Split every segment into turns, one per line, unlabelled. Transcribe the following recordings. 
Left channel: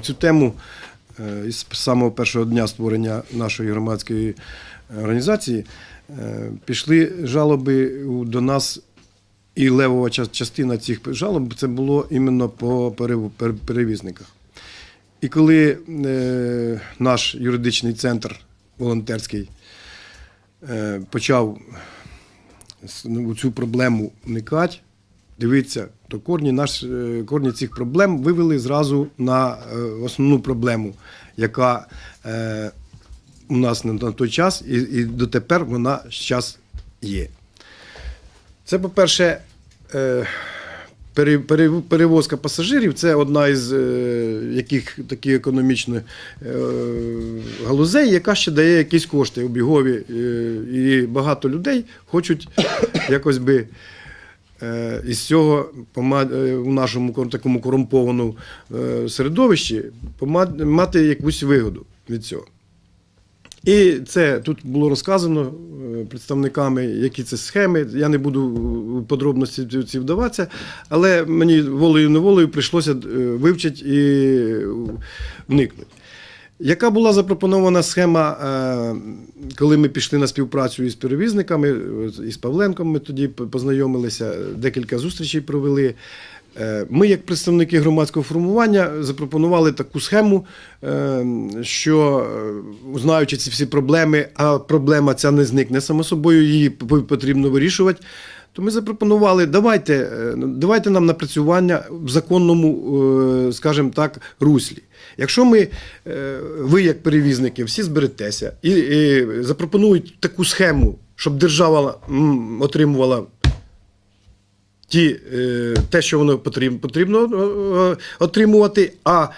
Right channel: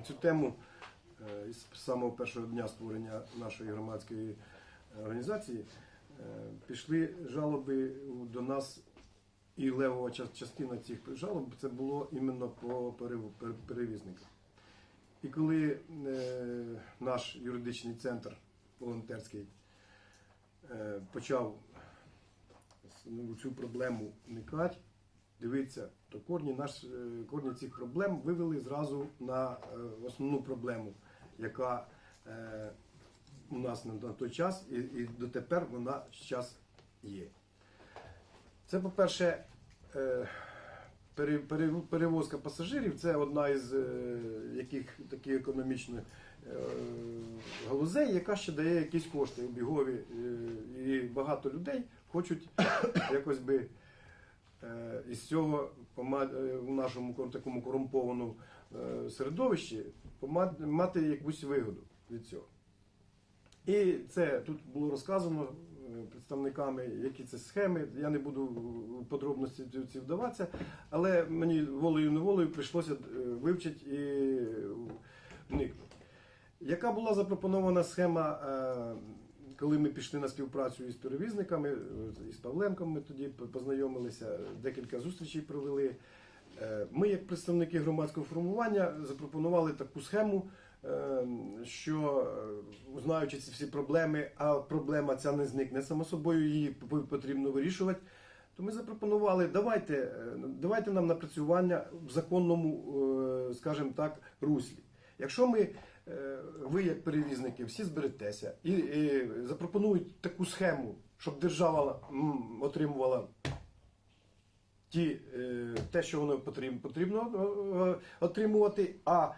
цю тему е, із самого першого дня створення нашої громадської організації е, пішли жалоби до нас, і левова частина цих жалоб це було іменно по перев- перевізниках. І коли е, наш юридичний центр волонтерський почав у цю проблему вникати, дивитися, то корні, наш, е, корні цих проблем вивели зразу на е, основну проблему, яка е, у нас на, той час і, і дотепер вона зараз є. Це, по-перше, е, пере- пере- перевозка пасажирів це одна із е, яких такі економічних е, галузей, яка ще дає якісь кошти обігові. Е, І багато людей хочуть якось би. Е, Із цього е, у нашому такому корумпованому е, середовищі мати якусь вигоду від цього. І це тут було розказано представниками, які це схеми. Я не буду в подробності ці- вдаватися, але мені волею неволею прийшлося вивчити і вникнути. Яка була запропонована схема, е, коли ми пішли на співпрацю із перевізниками, е, із Павленком ми тоді познайомилися, декілька зустрічей провели. Е, Ми, як представники громадського формування, запропонували таку схему, що знаючи ці всі проблеми, а проблема ця не зникне само собою, її потрібно вирішувати. То ми запропонували, давайте, е, давайте нам напрацювання в законному, скажімо так, руслі. Якщо ми, е, ви як перевізники, всі зберетеся і, і запропонують таку схему, щоб держава отримувала ті, е, те, що воно потрібно, потрібно е, отримувати, а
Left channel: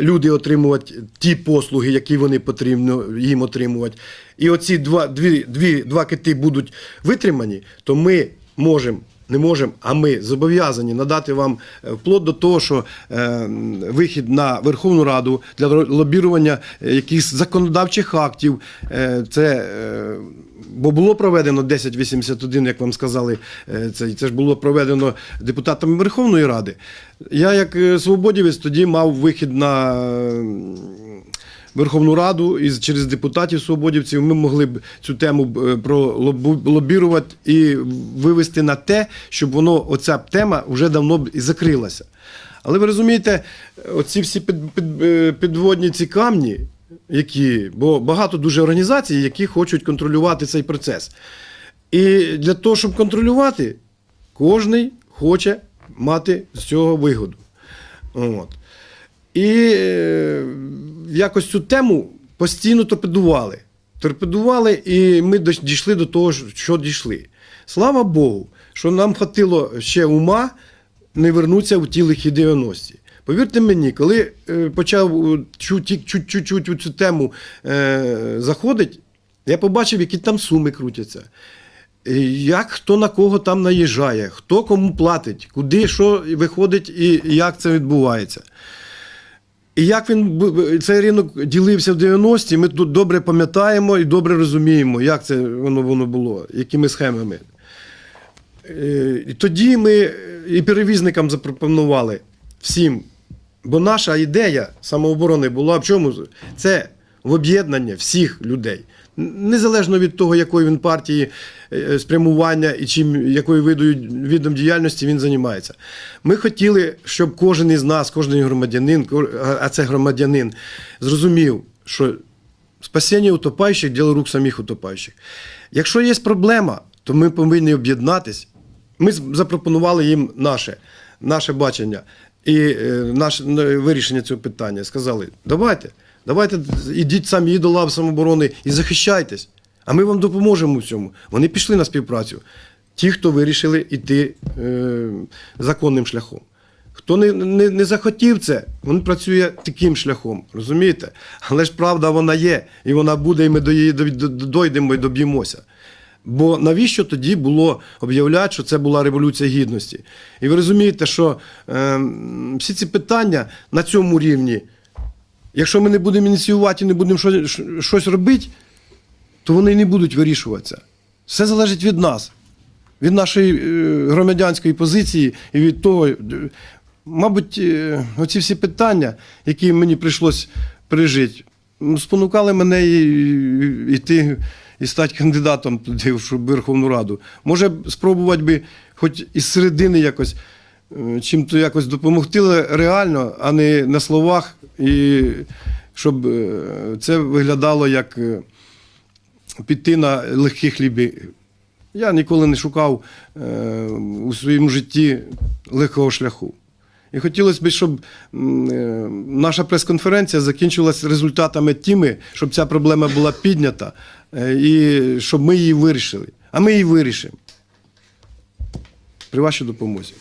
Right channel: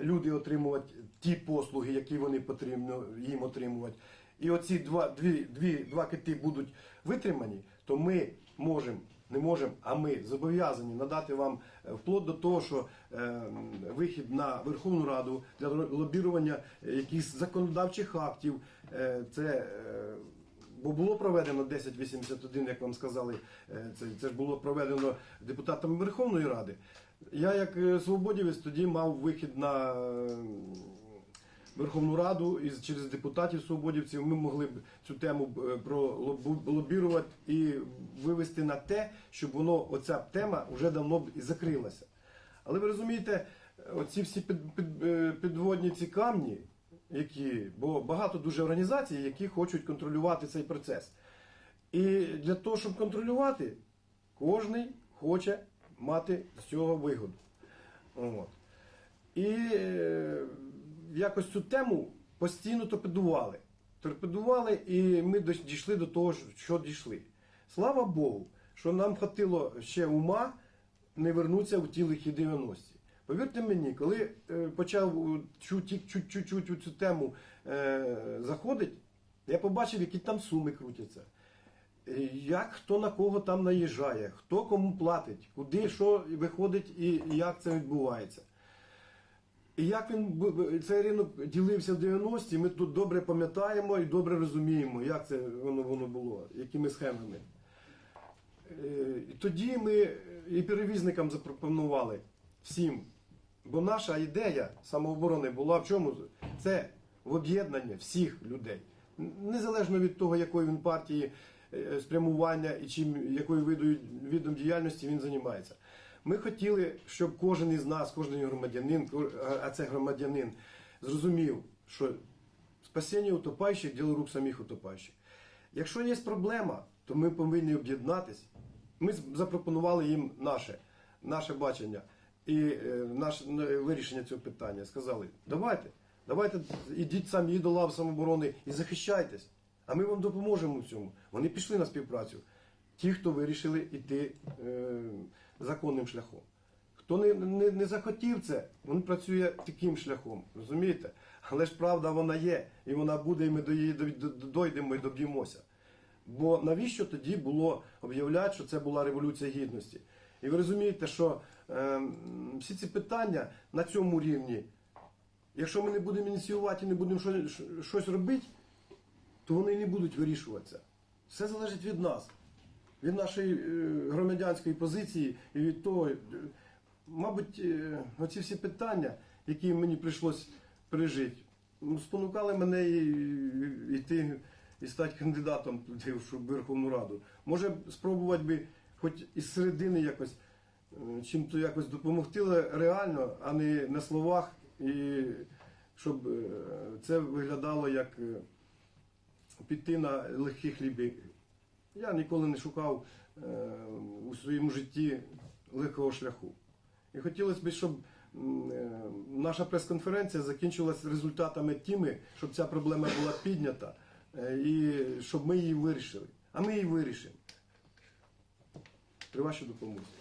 люди отримувати ті послуги, які вони потрібно їм отримувати. І оці два, дві, дві, два кити будуть витримані, то ми можемо. Не можемо, а ми зобов'язані надати вам е, вплоть до того, що е, вихід на Верховну Раду для лобірування якихось законодавчих актів. Е, це Бо було проведено 1081, як вам сказали, це, це ж було проведено депутатами Верховної Ради. Я, як свободівець, тоді мав вихід на Верховну Раду і через депутатів свободівців ми могли б цю тему е, пролобірувати і вивести на те, щоб воно, оця тема вже давно б і закрилася. Але ви розумієте, оці всі під, під, е, підводні ці камні, які, бо багато дуже організацій, які хочуть контролювати цей процес. І для того, щоб контролювати, кожен хоче мати з цього вигоду. От. І е, якось цю тему постійно торпедували. Торпедували, і ми дійшли до того, що дійшли. Слава Богу, що нам хватило ще ума не вернутися в ті лихі 90-ті. Повірте мені, коли е, почав е, чуть- чуть- у цю тему е, заходить, я побачив, які там суми крутяться. Як хто на кого там наїжджає, хто кому платить, куди що виходить і як це відбувається. І як він цей ринок ділився в 90-ті, ми тут добре пам'ятаємо і добре розуміємо, як це воно, воно було, якими схемами. Е, І тоді ми і перевізникам запропонували всім. Бо наша ідея самооборони була в чому? Це в об'єднання всіх людей. Незалежно від того, якої він партії е, спрямування і чим якою видою видом діяльності він займається. Ми хотіли, щоб кожен із нас, кожен громадянин, а це громадянин, зрозумів, що спасіння утопаючих діло рук самих утопаючих. Якщо є проблема, то ми повинні об'єднатись. Ми запропонували їм наше, наше бачення і е, наше е, вирішення цього питання. Сказали: давайте, давайте ідіть самі до лав самооборони і захищайтесь. А ми вам допоможемо в цьому. Вони пішли на співпрацю. Ті, хто вирішили йти е, законним шляхом. Хто не, не, не захотів це, він працює таким шляхом, розумієте? Але ж правда вона є, і вона буде, і ми до її до- до- дойдемо і доб'ємося. Бо навіщо тоді було об'являти, що це була революція гідності? І ви розумієте, що е, всі ці питання на цьому рівні, якщо ми не будемо ініціювати і не будемо щось, щось робити, то вони не будуть вирішуватися. Все залежить від нас, від нашої е, громадянської позиції і від того, е, Мабуть, е, оці всі питання, які мені прийшлось пережити, спонукали мене йти і стати кандидатом туди, в Верховну Раду. Може, спробувати би хоч із середини якось е, чим-то якось допомогти але реально, а не на словах, і щоб е, це виглядало як е, піти на легкі хліби. Я ніколи не шукав у своєму житті легкого шляху. І хотілося б, щоб наша прес-конференція закінчилась результатами тими, щоб ця проблема була піднята і щоб ми її вирішили. А ми її вирішимо. При вашій допомозі.